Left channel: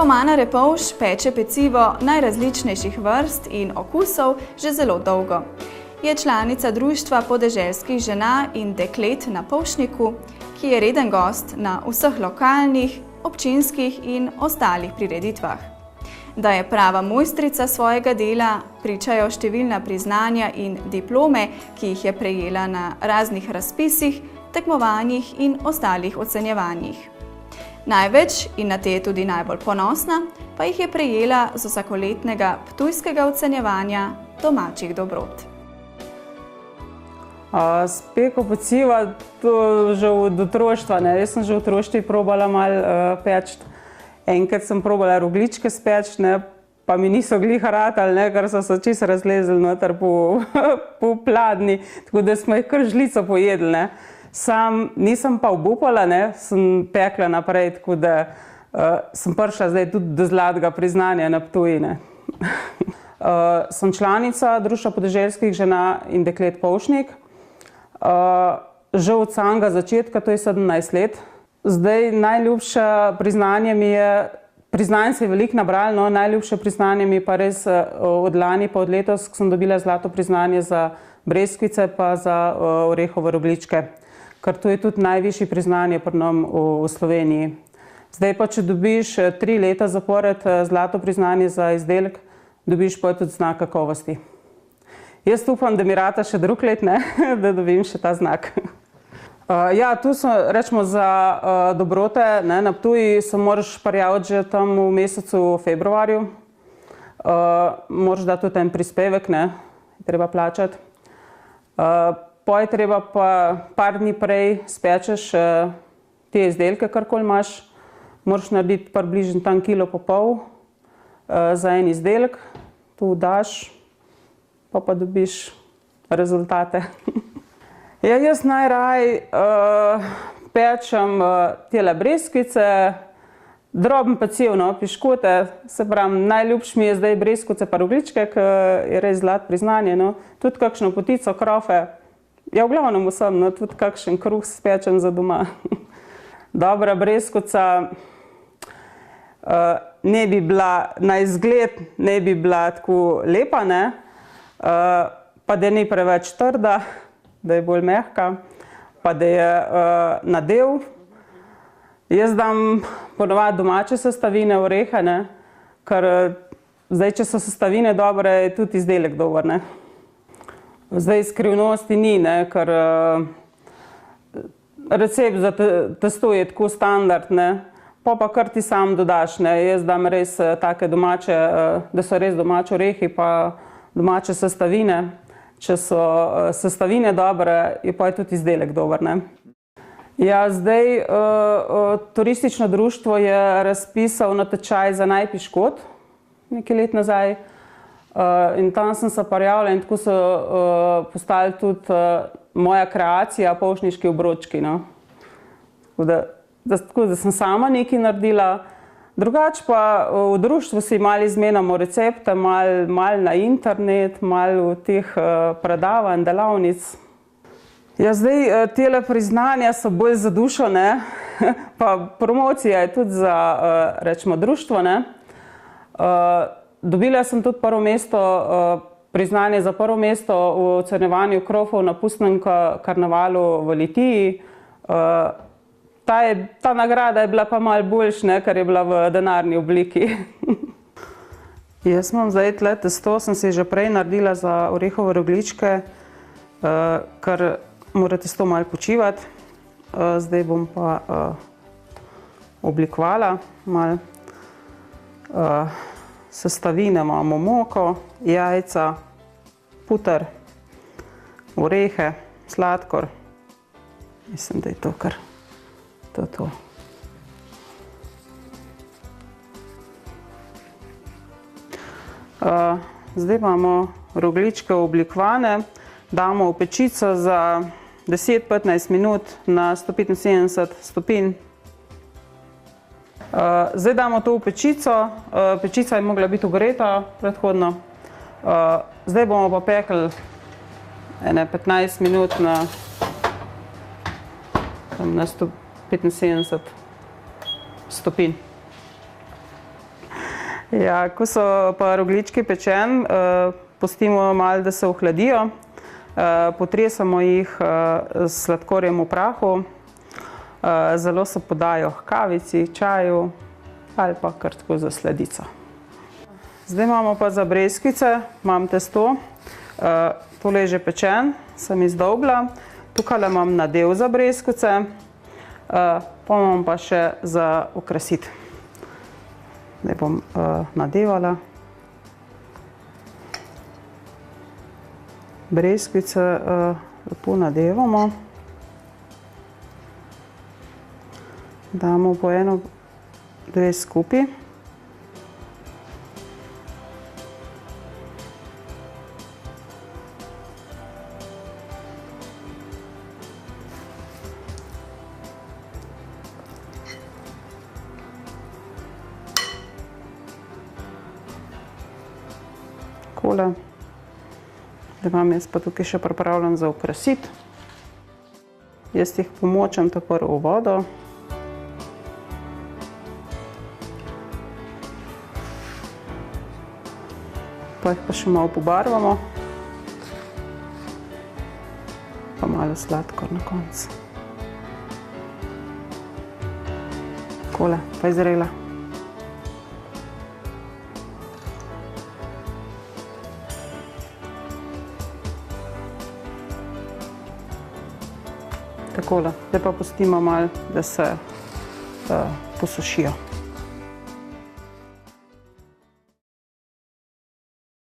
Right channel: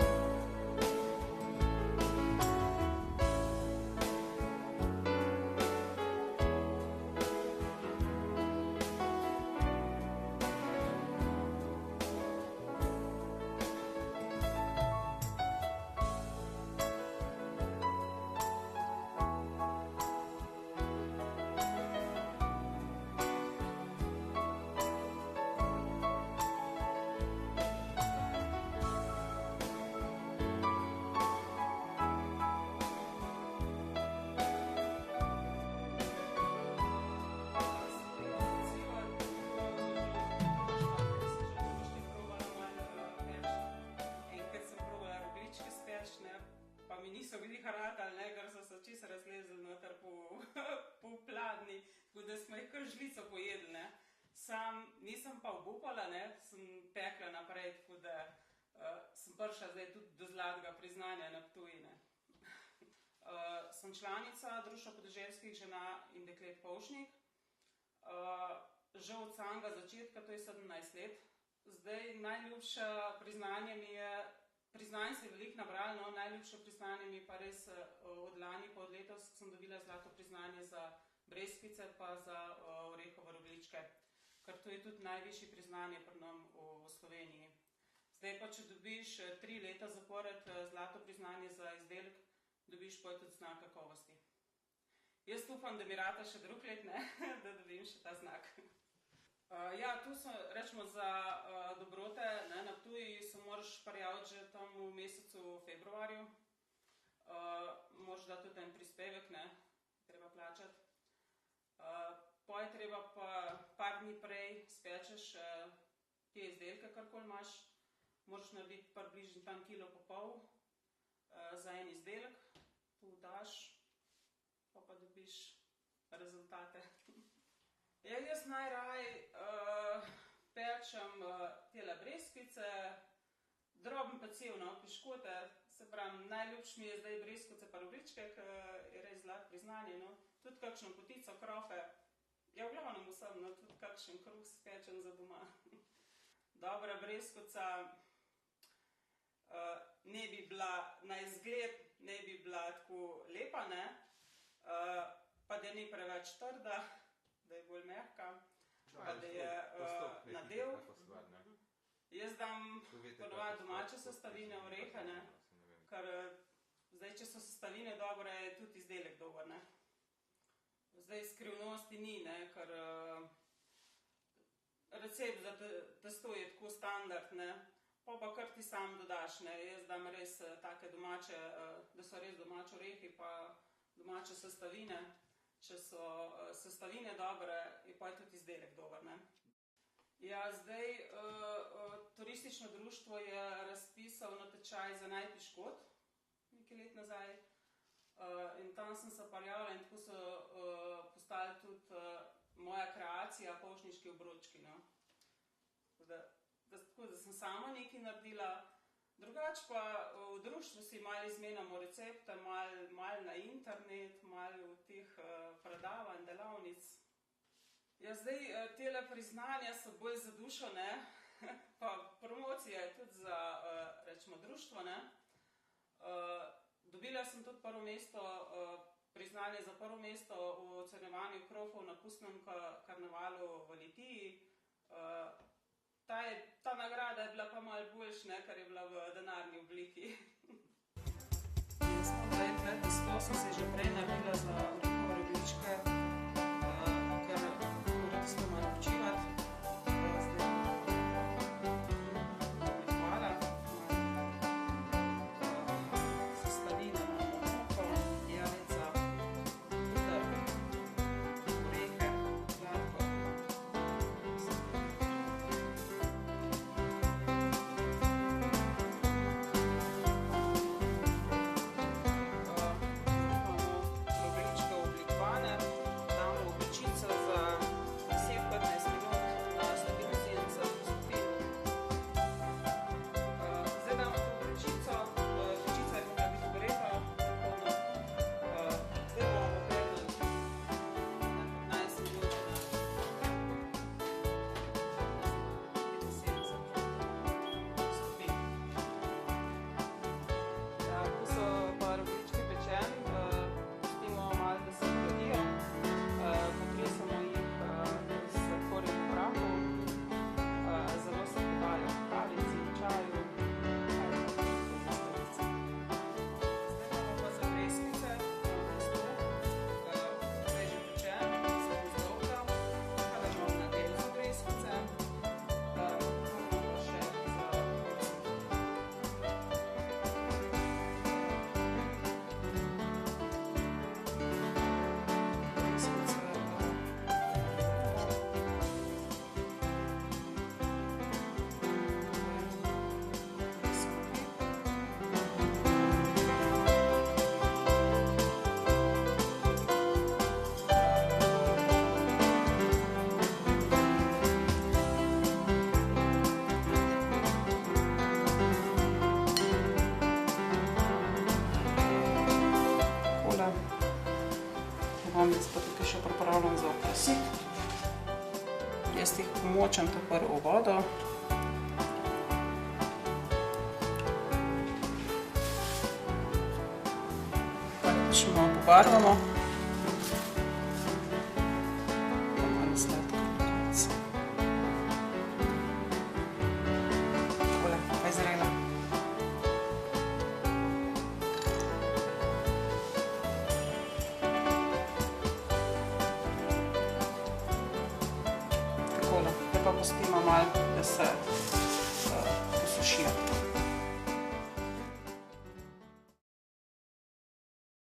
Romana Repovž peče pecivo najrazličnejših vrst in okusov že zelo dolgo. Je članica Društva podeželskih žena in deklet na Polšniku, ki je reden gost na vseh lokalnih, občinskih in ostalih prireditvah. Da je prava mojstrica svojega dela, pričajo številna priznanja in diplome, ki jih je prejela na raznih razpisih, tekmovanjih in ostalih ocenjevanjih. Največ, in na te je tudi najbolj ponosna, pa jih je prejela z vsakoletnega ptujskega ocenjevanja domačih dobrot. Peko peciva, to že od otroštva. Jaz sem že v otroštvu probala malo peči. Enkrat sem probala rogljičke speči, pa mi niso gliha ratali, ker so se čisto razlezli noter po pladnji, tako da smo jih kar žlico pojedli. Sam nisem pa obupala, sem pekla naprej, tako da sem prišla zdaj tudi do zlatega priznanja na Ptuju. Sem članica Društva podeželskih žena in deklet Polšnik. Že od samega začetka, to je 17 let. Zdaj najljubše priznanje mi je, priznanje se je veliko nabralo, najljubše priznanje mi je pa res od lani pa od letos, ko sem dobila zlato priznanje za breskvice pa za orehove rogljičke. Ker to je tudi najvišje priznanje pri nam v Sloveniji. Zdaj pa, če dobiš 3 leta zapored zlato priznanje za izdelek, dobiš pa tudi znak kakovosti. Jaz upam, da mi rata še drug let, da dobim še ta znak. Ja, tu so, rečemo, za dobrote na Ptuju se moraš prijaviti že tam v mesecu februarju. Moraš dati tudi en prispevek, treba plačati. Poj treba pa par dni prej spečeš te izdelke, karkoli imaš. Moraš narediti približno tam 1,5 kg za en izdelek. Tu daš, pa dobiš rezultate. Ja, jaz najraje pečem tele breskvice, droben peciv, piškote. Se pravim, najljubše mi je zdaj breskvice pa rogljičke, ki je res zlato priznanje. Tudi kakšno potico, krofe. Ja, v glavnem vsem, tudi kakšen kruh spečem za doma. Dobra breskvica ne bi bila na izgled, ne bi bila tako lepa, pa da ni preveč trda, da je bolj mehka, pa da je nadev. Jaz dam ponovadi domače sestavine, orehe, ker zdaj, če so sestavine dobre, je tudi izdelek dober. Zdaj skrivnosti ni, ker recept za testo je tako standard, pa kar ti sam dodaš. Jaz dam res take domače, da so res domače orehi pa domače sestavine. Če so sestavine dobre, je pa tudi izdelek dober. Ja, zdaj turistično društvo je razpisal natečaj za naj piškot nekaj let nazaj. In tam sem se prijavila in tako so postali tudi moja kreacija, polšniški obročki. Tako da sem sama nekaj naredila. Drugače pa v društvu si malo izmenjamo recepte, malo na internet, malo v teh predavanj, delavnic. Ja, zdaj tele priznanja so bolj za dušo, pa promocija je tudi za, rečemo, društvo. Dobila sem tudi prvo mesto, priznanje za prvo mesto v ocenjevanju krofov na pustnem karnevalu v Litiji. Ta nagrada je bila pa malo boljša, ker je bila v denarni obliki. Jaz imam zdaj tle testo, sem si že prej naredila za orehove rogljičke, ker mora testo malo počivati. Zdaj bom pa oblikovala malo. Sestavine imamo moko, jajca, puter, orehe, sladkor. Mislim, da je to kar to. Zdaj imamo rogljičke oblikovane, damo v pečico za 10-15 minut na 175 stopinj. Zdaj damo to v pečico, pečica je mogla biti ogreta predhodno. Zdaj bomo pa pekli 15 minut na 175 stopinj. Ja, ko so pa rogljički pečeni, pustimo malo, da se ohladijo. Potresamo jih s sladkorjem v prahu. Zelo se podajo h kavici, čaju ali pa kar tako za sladico. Zdaj imamo pa za breskvice, imam testo. Tole je že pečen, sem izdolbla. Tukaj imam nadev za breskvice, pa imam pa še za okrasiti. Zdaj bom nadevala. Breskvice tu nadevamo. Damo po eno, dve skupaj. Takole. Da imam jaz pa tukaj še pripravljam za okrasiti. Jaz jih pomočam takoj v vodo. Pa še malo pobarvamo. Pa malo sladkor na koncu. Takole, pa je zrela. Takole, zdaj pa pustimo malo, da se posušijo.